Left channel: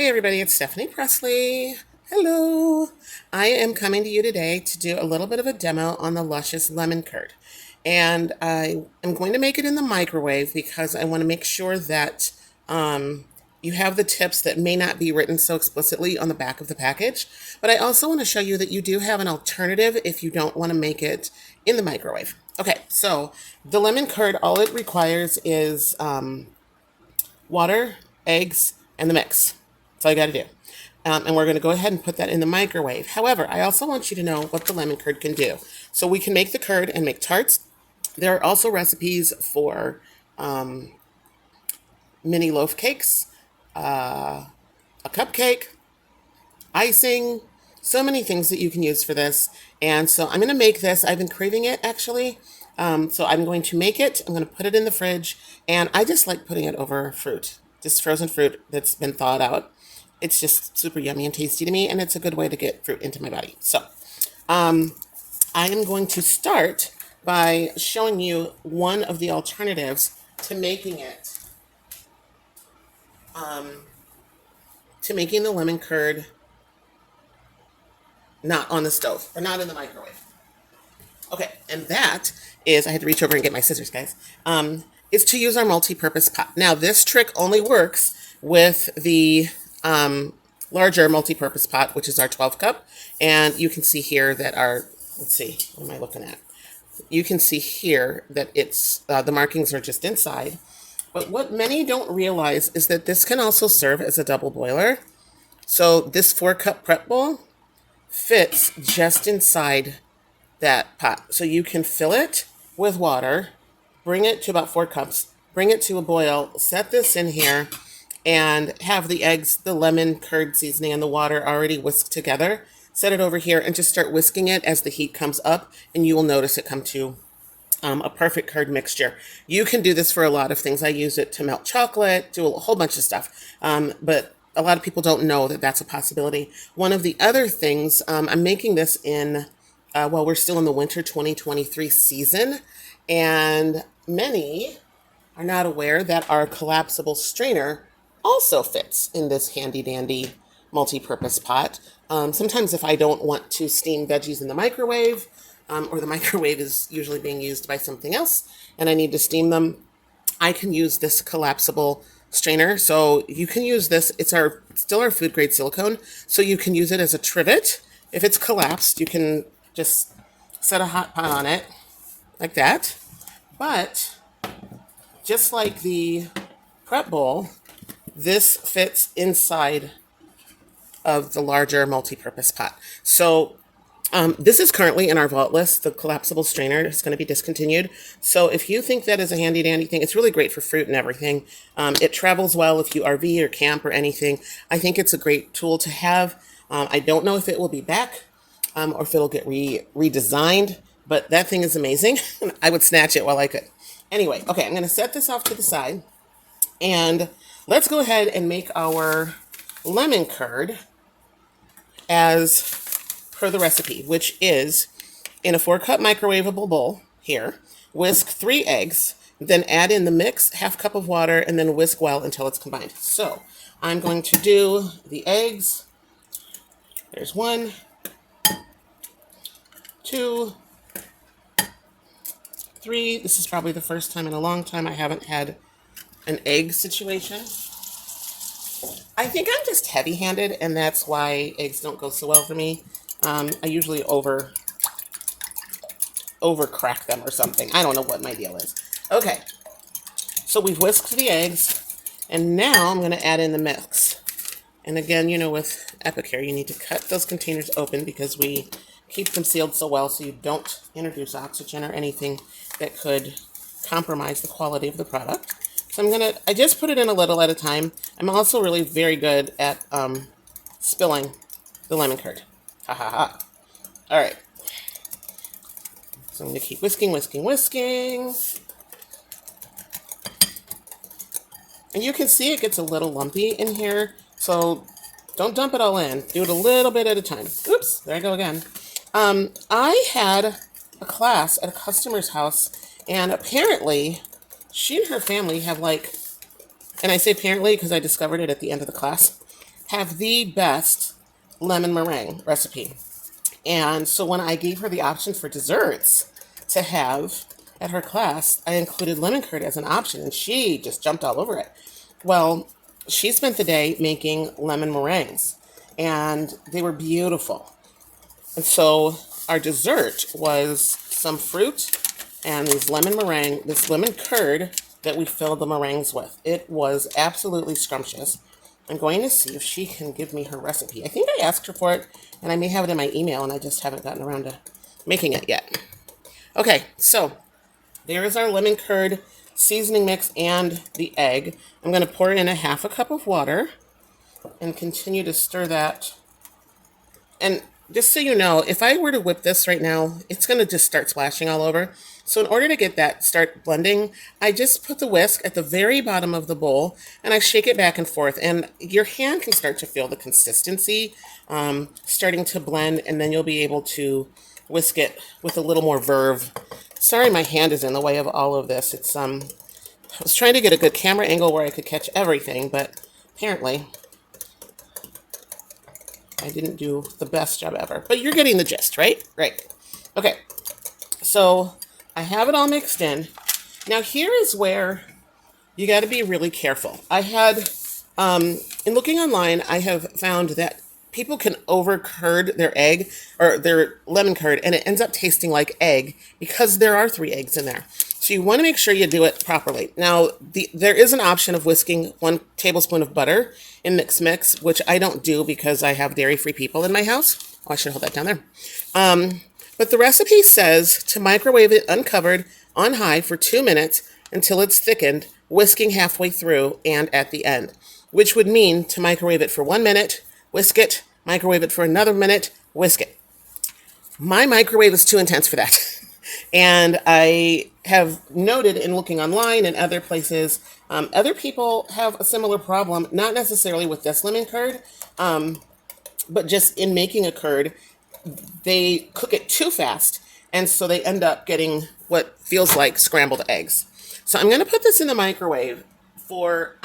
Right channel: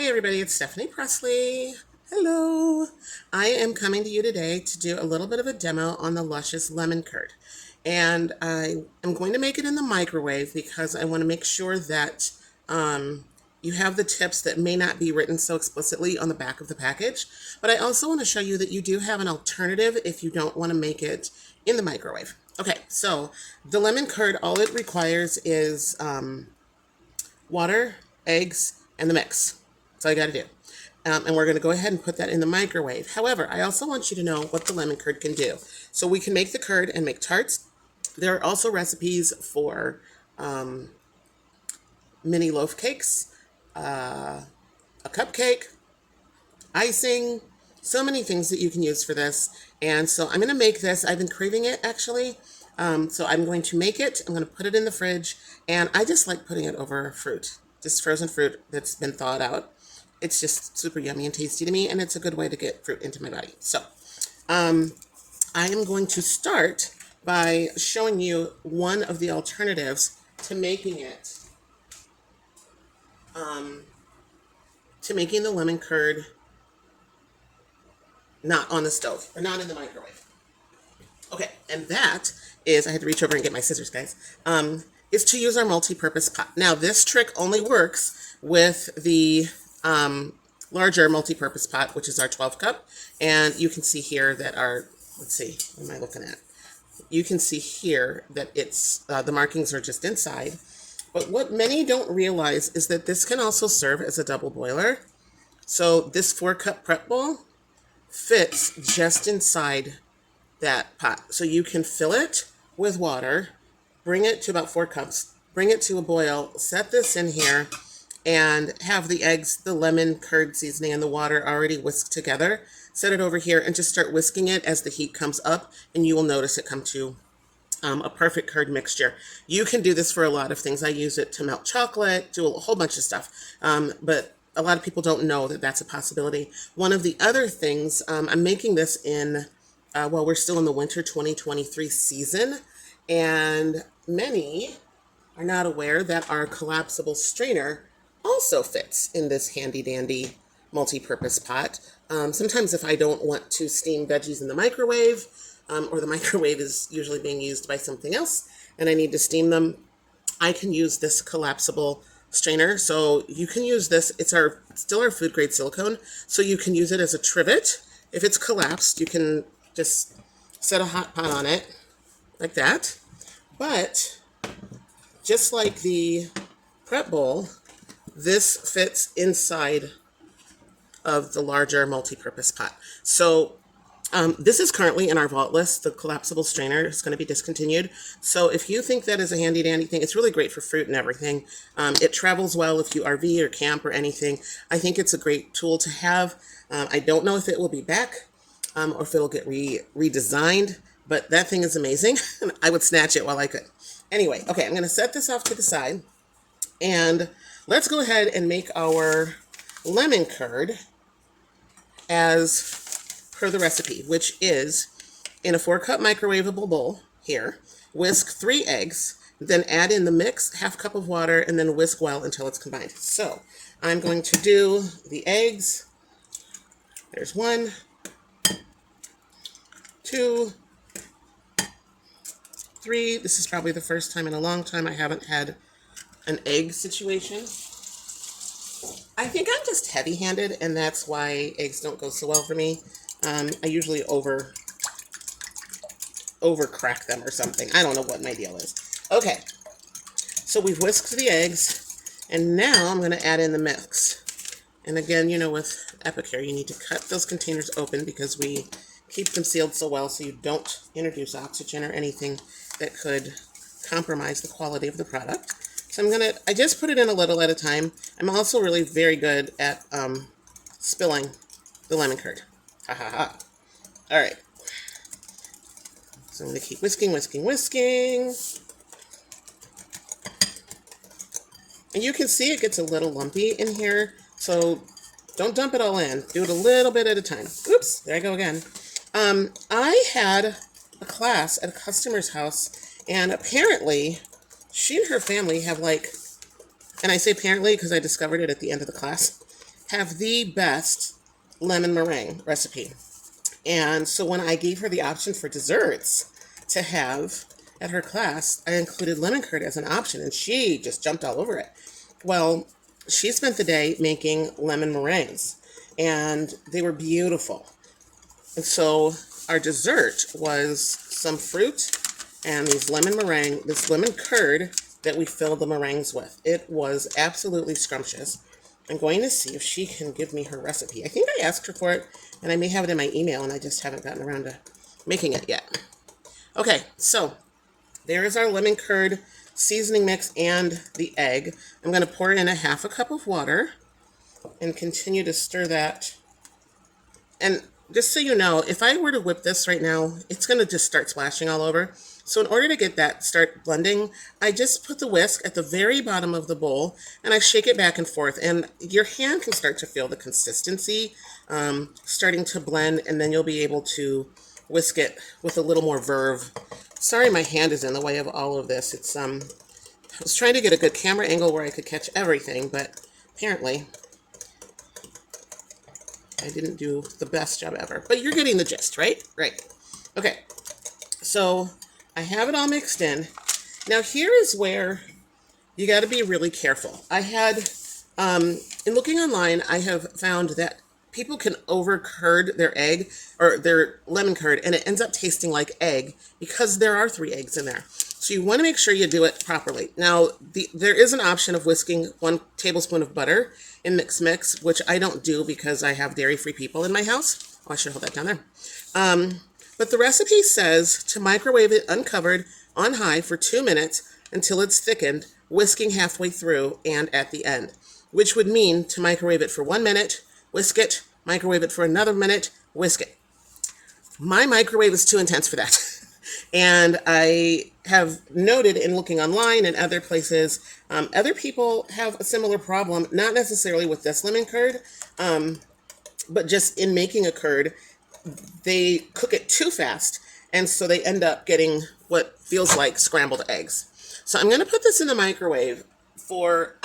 Hey everybody, it's Stephanie Presley. Hello. I am coming to you today to do a little bit of a demo on the Luscious lemon curd. And I am going to make it in the microwave because I want to make sure that you have the tips that may not be written so explicitly on the back of the package. But I also want to show you that you do have an alternative if you don't want to make it in the microwave. Okay, so the lemon curd, all it requires is water, eggs, and the mix. That's all you got to do. And we're going to go ahead and put that in the microwave. However, I also want you to know what the lemon curd can do. So we can make the curd and make tarts. There are also recipes for mini loaf cakes, a cupcake, icing, so many things that you can use for this. And so I'm going to make this. I've been craving it actually. So I'm going to make it. I'm going to put it in the fridge. And I just like putting it over fruit, just frozen fruit that's been thawed out. It's just super yummy and tasty to me, and it's a good way to get fruit into my body. So I am going to start by showing you one of the alternatives to making it, to making the lemon curd not on the stove or not in the microwave. Okay, and that is, I had to reach over and get my scissors, guys, is to use our multi-purpose pot. Now, this trick only works with the larger multi-purpose pot, which is our 12 cup. And you can see here that our, let's see, what am I looking at? You can see here that it's, the markings are just inside. But what many don't realize is that this can also serve as a double boiler. So this 4-cup prep bowl fits just inside that pot. So you can fill it with water, bring it to about 4 cups, bring it to a boil, set this in here, and have the eggs, the lemon curd seasoning, and the water already whisked together. Set it over here and just start whisking it as the heat comes up, and you will notice it come to a perfect curd mixture. You can do this for a lot of things. I use it to melt chocolate, do a whole bunch of stuff, but a lot of people don't know that that's a possibility. One of the other things, I'm making this in, well, we're still in the winter 2023 season, and many are not aware that our collapsible strainer also fits in this handy dandy multi-purpose pot. Sometimes if I don't want to steam veggies in the microwave, or the microwave is usually being used by something else and I need to steam them, I can use this collapsible strainer. So you can use this, it's still our food grade silicone, so you can use it as a trivet. If it's collapsed, you can just set a hot pot on it like that. But just like the prep bowl, this fits inside of the larger multi-purpose pot. So this is currently in our vault list. The collapsible strainer is going to be discontinued. So if you think that is a handy dandy thing, it's really great for fruit and everything. It travels well if you RV or camp or anything. I think it's a great tool to have. I don't know if it will be back or if it'll get redesigned, but that thing is amazing. I would snatch it while I could. Anyway, okay, I'm going to set this off to the side, and let's go ahead and make our lemon curd as per the recipe, which is in a 4-cup microwavable bowl here, whisk 3 eggs, then add in the mix, 1/2 cup of water, and then whisk well until it's combined. So I'm going to do the eggs. There's 1, 2, 3. This is probably the first time in a long time I haven't had an egg situation. I think I'm just heavy-handed, and that's why eggs don't go so well for me. I usually over crack them or something. I don't know what my deal is. Okay, so we've whisked the eggs, and now I'm going to add in the mix. And again, you know, with Epicure, you need to cut those containers open because we keep them sealed so well so you don't introduce oxygen or anything that could compromise the quality of the product. So I just put it in a little at a time. I'm also really very good at spilling the lemon curd. Ha ha ha. All right. So I'm going to keep whisking, whisking, whisking. And you can see it gets a little lumpy in here. So don't dump it all in. Do it a little bit at a time. Oops, there I go again. I had a class at a customer's house, and apparently she and her family have and I say apparently because I discovered it at the end of the class, have the best lemon meringue recipe. And so when I gave her the option for desserts to have at her class, I included lemon curd as an option, and she just jumped all over it. Well, she spent the day making lemon meringues, and they were beautiful. And so our dessert was some fruit and these this lemon curd that we filled the meringues with. It was absolutely scrumptious. I'm going to see if she can give me her recipe. I think I asked her for it, and I may have it in my email, and I just haven't gotten around to making it yet. Okay, so there is our lemon curd seasoning mix and the egg. I'm going to pour in a half a cup of water and continue to stir that. And just so you know, if I were to whip this right now, it's going to just start splashing all over. So in order to get that start blending, I just put the whisk at the very bottom of the bowl and I shake it back and forth. And your hand can start to feel the consistency starting to blend, and then you'll be able to whisk it with a little more verve. Sorry, my hand is in the way of all of this. It's I was trying to get a good camera angle where I could catch everything, but apparently I didn't do the best job ever. But you're getting the gist, right? Right. Okay. So I have it all mixed in. Now here is where you got to be really careful. I had, in looking online, I have found that people can over curd their egg or their lemon curd, and it ends up tasting like egg because there are 3 eggs in there. So you want to make sure you do it properly. Now, there is an option of whisking 1 tablespoon of butter in mix, which I don't do because I have dairy-free people in my house. Oh, I should hold that down there. But the recipe says to microwave it uncovered on high for 2 minutes until it's thickened, whisking halfway through and at the end, which would mean to microwave it for 1 minute, whisk it, microwave it for another minute, whisk it. My microwave is too intense for that. And I have noted in looking online and other places, other people have a similar problem, not necessarily with this lemon curd, but just in making a curd, they cook it too fast. And so they end up getting what feels like scrambled eggs. So I'm going to put this in the microwave for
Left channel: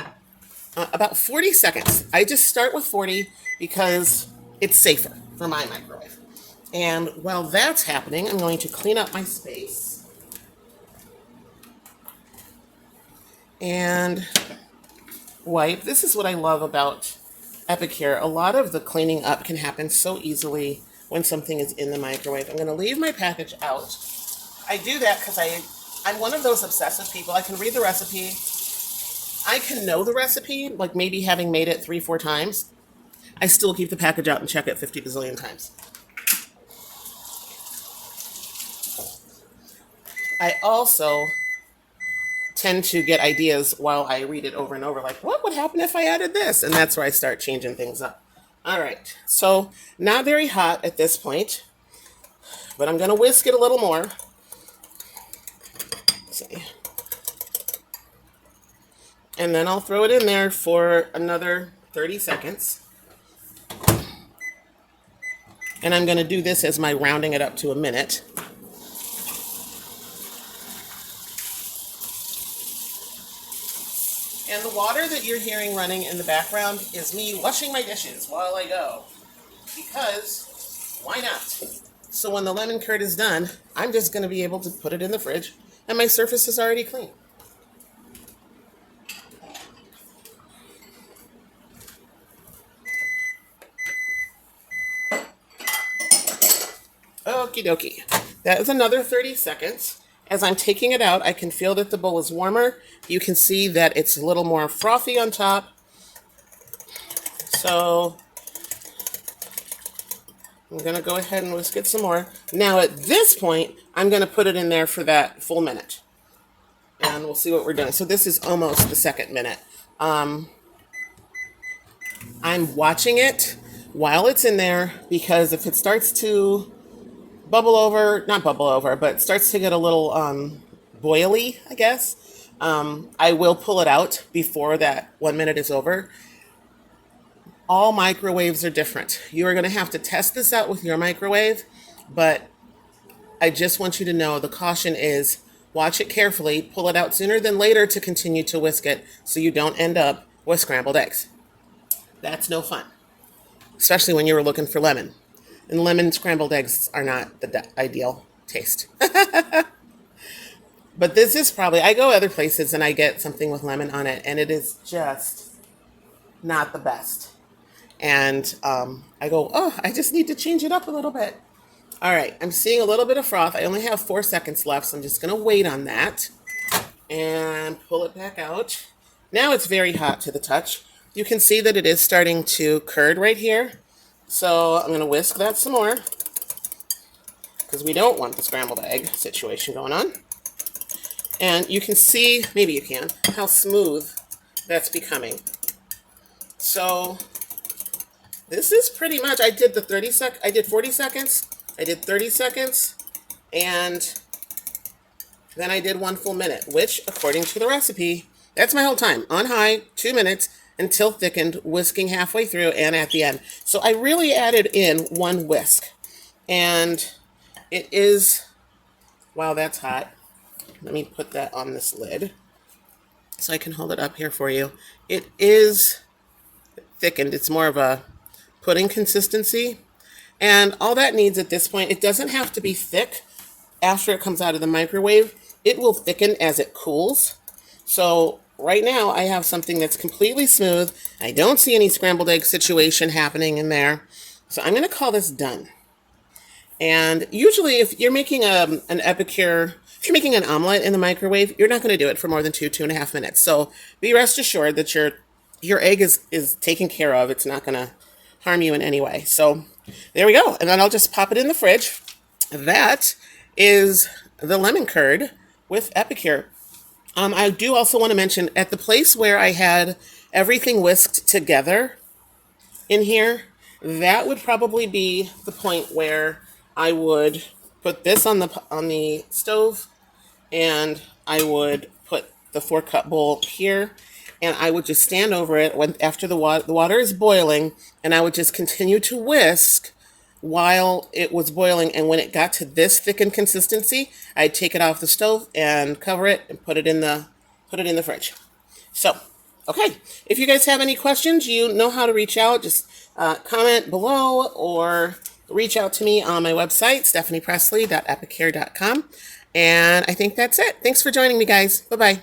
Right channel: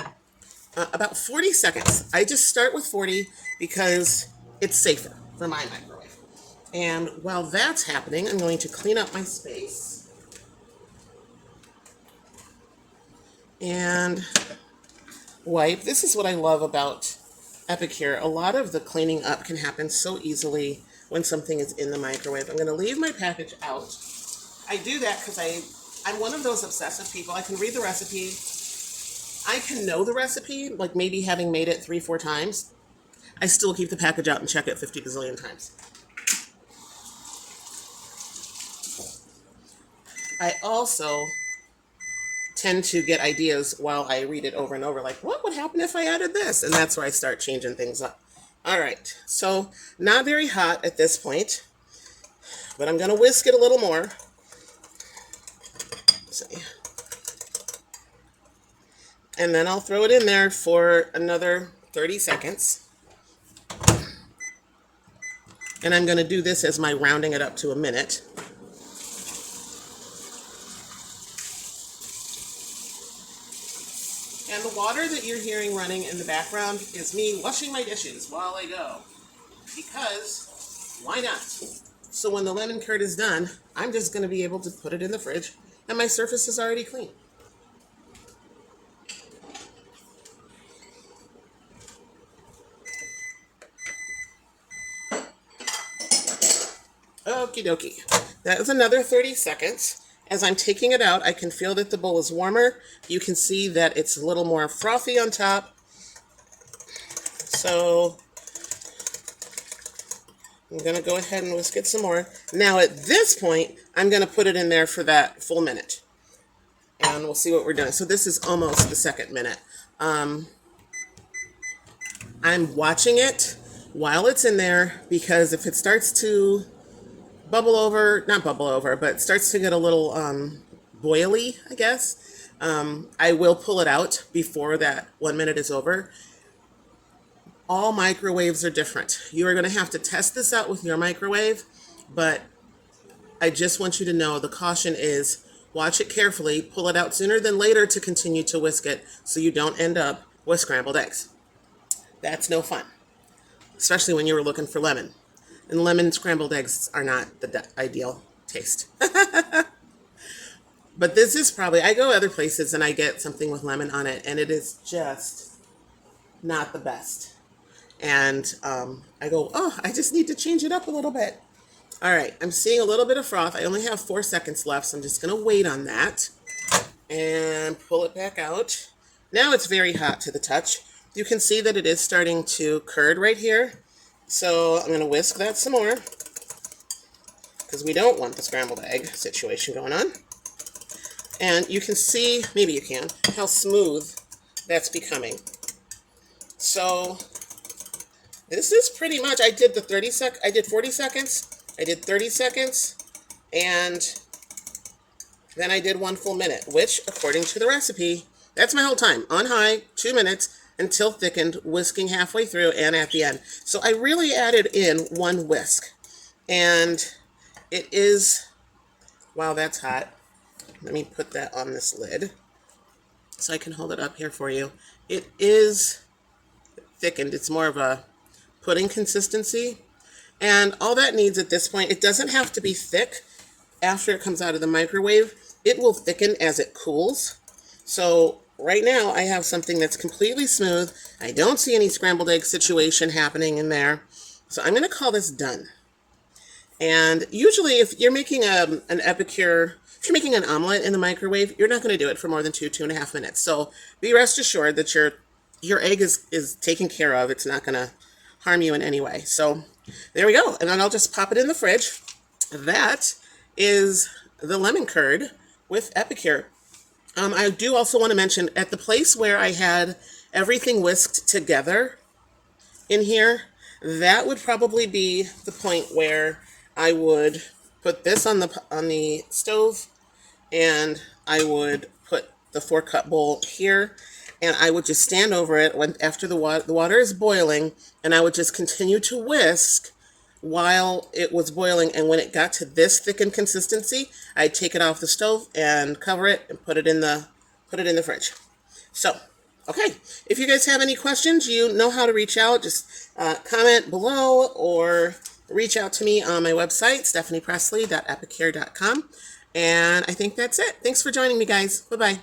about 40 seconds. I just start with 40 because it's safer for my microwave. And while that's happening, I'm going to clean up my space and wipe. This is what I love about Epicure. A lot of the cleaning up can happen so easily when something is in the microwave. I'm going to leave my package out. I do that because I'm one of those obsessive people. I can read the recipe. I can know the recipe, like maybe having made it 3-4 times. I still keep the package out and check it 50 bazillion times. I also tend to get ideas while I read it over and over, like, what would happen if I added this? And that's where I start changing things up. All right, so not very hot at this point, but I'm going to whisk it a little more. Let's see. And then I'll throw it in there for another 30 seconds. And I'm going to do this as my rounding it up to a minute. And the water that you're hearing running in the background is me washing my dishes while I go. Because, why not? So when the lemon curd is done, I'm just going to be able to put it in the fridge, and my surface is already clean. Okie dokie. That was another 30 seconds. As I'm taking it out, I can feel that the bowl is warmer. You can see that it's a little more frothy on top. So I'm going to go ahead and whisk it some more. Now at this point, I'm going to put it in there for that full minute. And we'll see what we're doing. So this is almost the 2nd minute. I'm watching it while it's in there, because if it starts to bubble over, not bubble over, but starts to get a little boily, I guess, I will pull it out before that 1 minute is over. All microwaves are different. You are going to have to test this out with your microwave, but I just want you to know the caution is watch it carefully, pull it out sooner than later to continue to whisk it so you don't end up with scrambled eggs. That's no fun. especially when you were looking for lemon. And lemon scrambled eggs are not the ideal taste. But this is probably, I go other places and I get something with lemon on it, and it is just not the best. And I go, oh, I just need to change it up a little bit. All right, I'm seeing a little bit of froth. I only have 4 seconds left, so I'm just going to wait on that and pull it back out. Now it's very hot to the touch. You can see that it is starting to curd right here. So I'm going to whisk that some more because we don't want the scrambled egg situation going on. And you can see, maybe you can, how smooth that's becoming. So this is pretty much, I did 40 seconds, I did 30 seconds, and then I did 1 full minute, which according to the recipe, that's my whole time. On high, 2 minutes until thickened, whisking halfway through and at the end. So I really added in 1 whisk. And it is, wow, that's hot. Let me put that on this lid so I can hold it up here for you. It is thickened. It's more of a pudding consistency. And all that needs at this point, it doesn't have to be thick after it comes out of the microwave. It will thicken as it cools. So right now I have something that's completely smooth. I don't see any scrambled egg situation happening in there. So I'm going to call this done. And usually if you're making an Epicure, if you're making an omelet in the microwave, you're not going to do it for more than 2.5 minutes. So be rest assured that your egg is taken care of. It's not going to harm you in any way. So there we go. And then I'll just pop it in the fridge. That is the lemon curd with Epicure. I do also want to mention, at the place where I had everything whisked together in here, that would probably be the point where I would put this on the stove, and I would put the 4-cup bowl here, and I would just stand over it after the water is boiling, and I would just continue to whisk while it was boiling. And when it got to this thickened consistency, I'd take it off the stove and cover it and put it in the fridge. So, okay, if you guys have any questions, you know how to reach out. Just comment below or reach out to me on my website, stephaniepresley.epicure.com. And I think that's it. Thanks for joining me, guys. Bye-bye.